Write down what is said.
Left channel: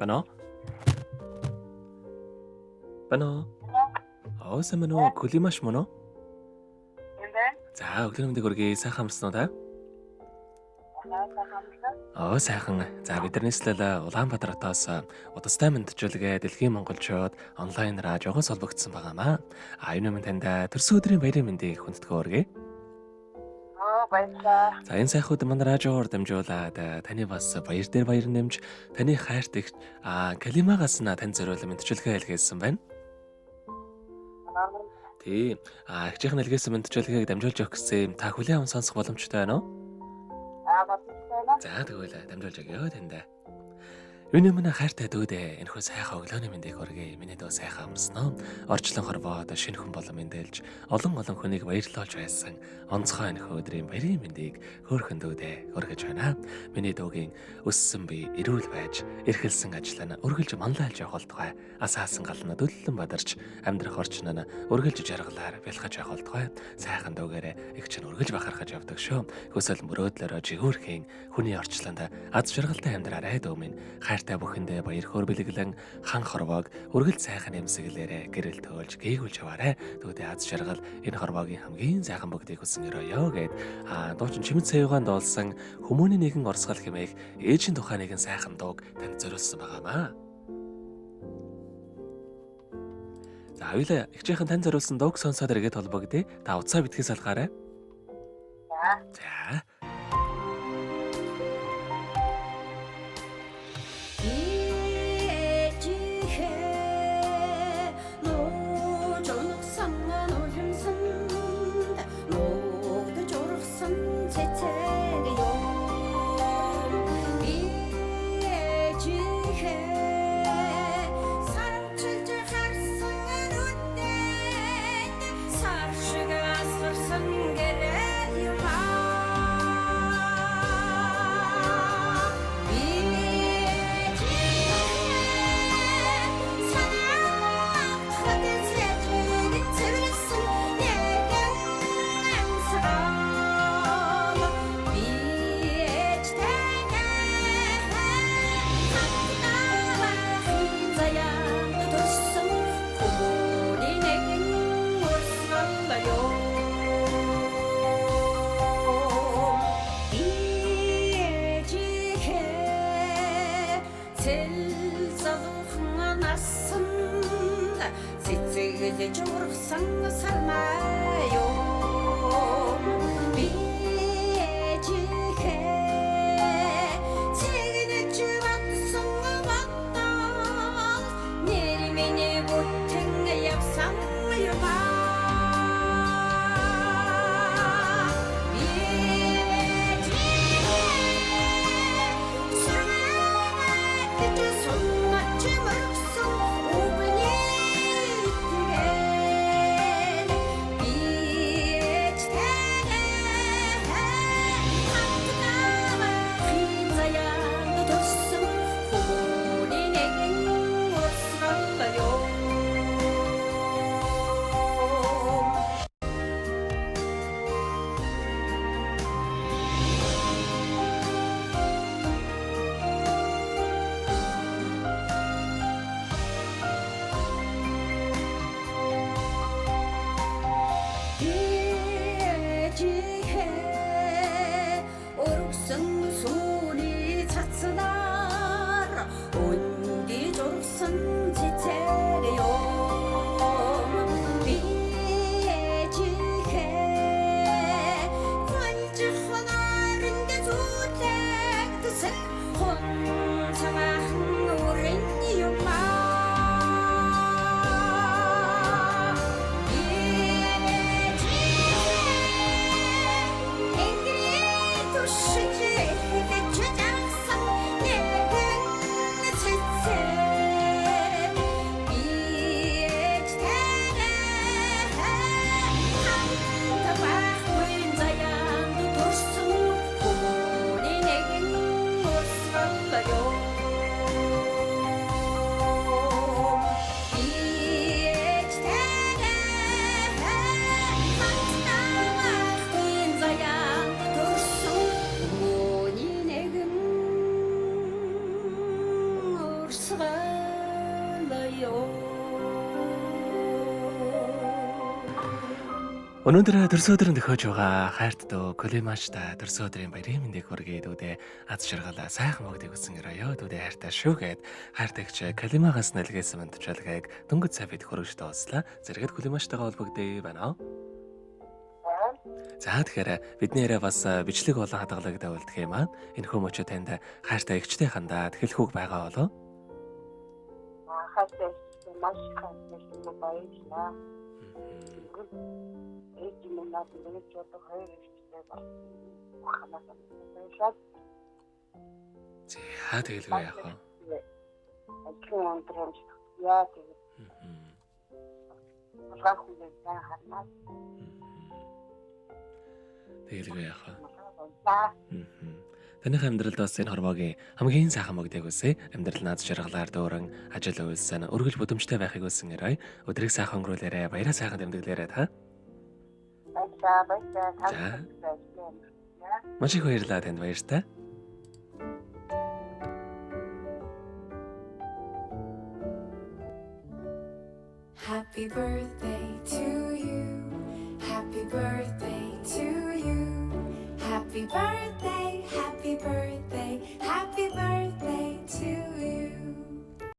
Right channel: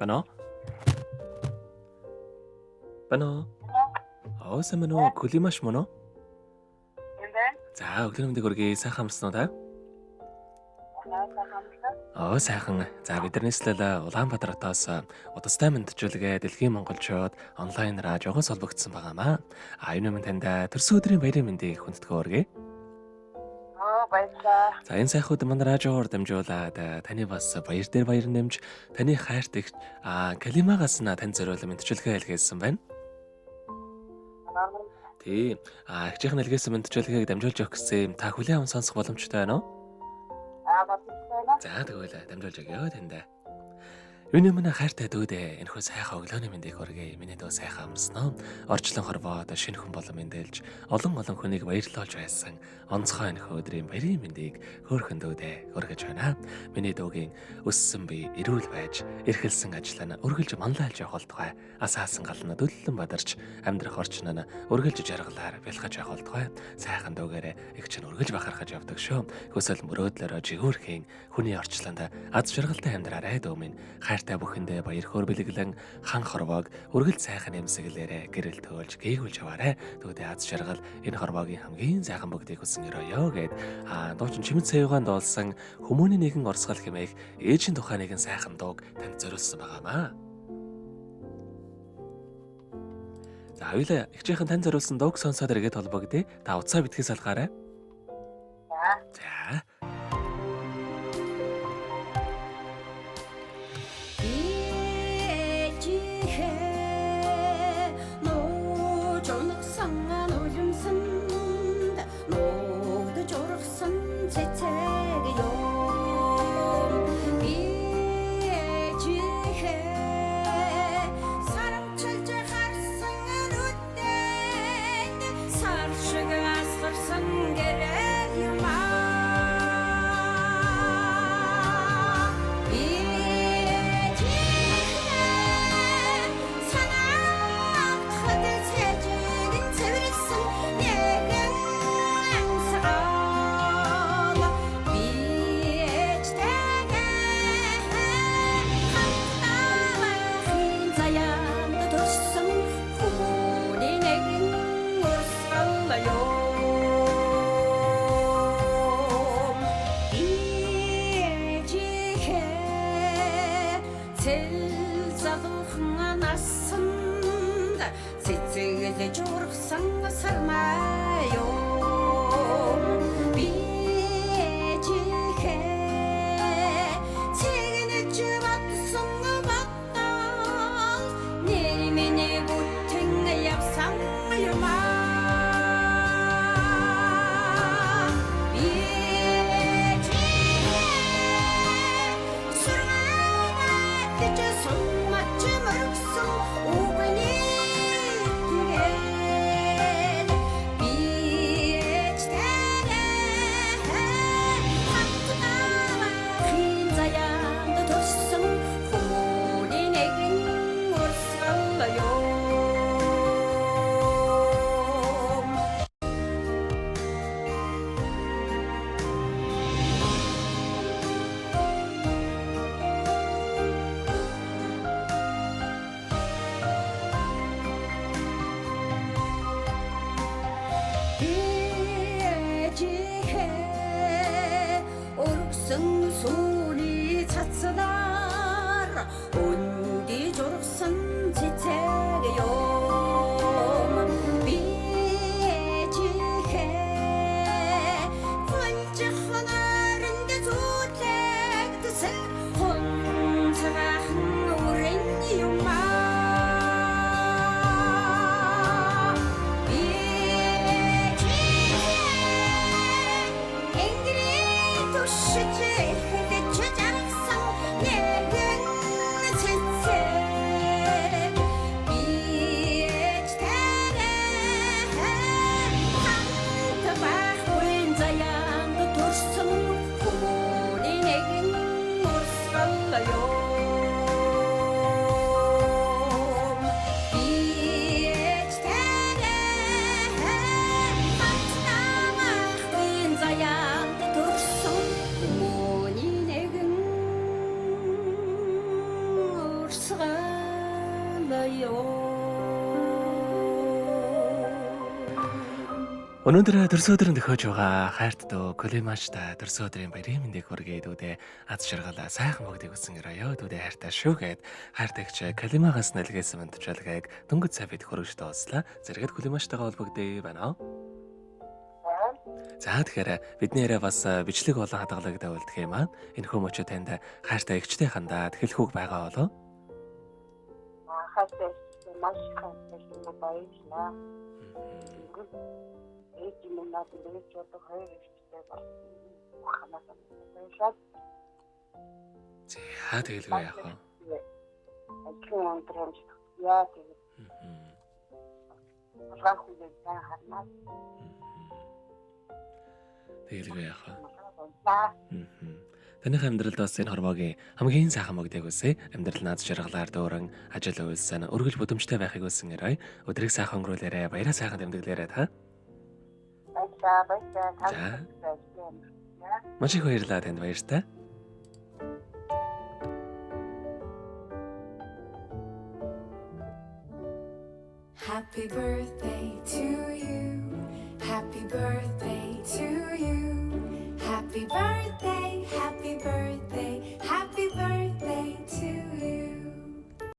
Байна уу? Байна уу? Сайн байна уу? Климаш мөн үү? Юм байна. За, өглөө мэндийг хүргэе. Сайхан амарсан уу та? Сайхан. За, бидэрнийслэл Улаанбаатар хотоос удастай мэдчилгээ Дэлхийн Монголчууд онлайнаар жогоос холбогдсон байгаамаа. Энэ минь танд төрсөн өдрийн баярын мэндийг хүндэтгэн хүргэе. Баярлалаа. За, энэ сайхууд манай радиогоор дамжуулаад таны бас баяр дээр баяр нэмж таны хайрт их Калимагаас танд зориулсан мэдчилгээ илгээсэн байна. Тийм. Ихчийнхэн илгээсэн мэдчилгээг дамжуулж өгөх гэсэн та хүлээн аван сонсох боломжтой байна уу? Байна. За, тэгвэл дамжуулж өгье танд. Юуны мань хайртай дүүдээ энэхүү сайхан өглөөний мэндийг хүргэе. Миний дөө сайхан амарсан уу? Орчлон хорвоод шинэ хүн болон мэндэлж олон хүнийг баярлуулж байсан онцгой энэхүү өдрийн баярын мэндийг хөөрхөн дүүдээ хүргэж байна. Миний дөөгийн өссөн бие эрүүл байж, эрхэлсэн ажил нь үргэлж манлайлж явах болтугай. Асаасан гал нь дөллөн бадарч, амьдрах орчин нь үргэлж жаргалаар бэлгэж явах болтугай. Сайхан дүүгээрээ их чинь үргэлж бахархаж явдаг шүү. Хүсэл мөрөөдлөөрөө жигүүрхийн хүний орчлонд аз жаргалтай амьдраарай дөө минь. Хайртай бүхэндээ баяр хөөр бэлэглэн хан хорвоог үргэлж сайхан эмсэглээрээ гэрэл төөлж гээгүүлж яваарай. Төвдөө аз жаргал энэ хорвоогийн хамгийн сайхан бүгдийг хүсэн өрөөё гэд дуучин чимэд саяугаан дуулсан хүмүүний нэгэн орсгал хэмээх ээжийн тухай нэгэн сайхан дууг танд зориулсан байгаамаа. За, хоёулаа ихчийнхэн танд зориулсан дууг сонсоод иргэд холбогдъё. Та утсаа битгий салгаарай. За. Shit, Өнөөдөр төрсөн өдрөнд төхөж байгаа хайрт дөө Колимашта төрсөн өдрийн баярын мэндийг хүргэе дүүдээ аз жаргалаа сайхан бүгдийг үсэн өрөөё дүүдээ хайртаа шүүгээд хайртагч Колимагаас нэлгээсэн мэдчилгээг дөнгөж цай бид хөрөж доослаа зэрэгэд Колимаштайгаа холбогдъё байна. За тэгэхээр бидний яриа бас бичлэг болон хадгалагтай үлдэх юм аа. Энэ хүмүүч танд хайртай эгчтэй хандаад хэлэхүүг байгаа болоо. хайртай маш хайртай баярлалаа. Эцэг минь надад ч одоо хоёр ихтэй байна. Ханасаа. За тэгэлгүй яах вэ? Ажлын өндрөмж яа тэгээд. Улгаах үеийн харнаа. Тэгэлгүй яах вэ? Таних амьдралд бас энэ хорвоогийн хамгийн сайхан мөгдөг үсэ амьдрал наад жаргалаар дөөрөн ажил үйлсэн өргөл бүдэмжтэй байхыг үсэн ярай. Өдрийг сайхан өнгөрүүлээрэ баяраа сайхан тэмдэглээрэ та. Баярлалаа. Маш их баярлалаа танд баяртай. Happy birthday to you. Happy birthday to you. Happy birthday.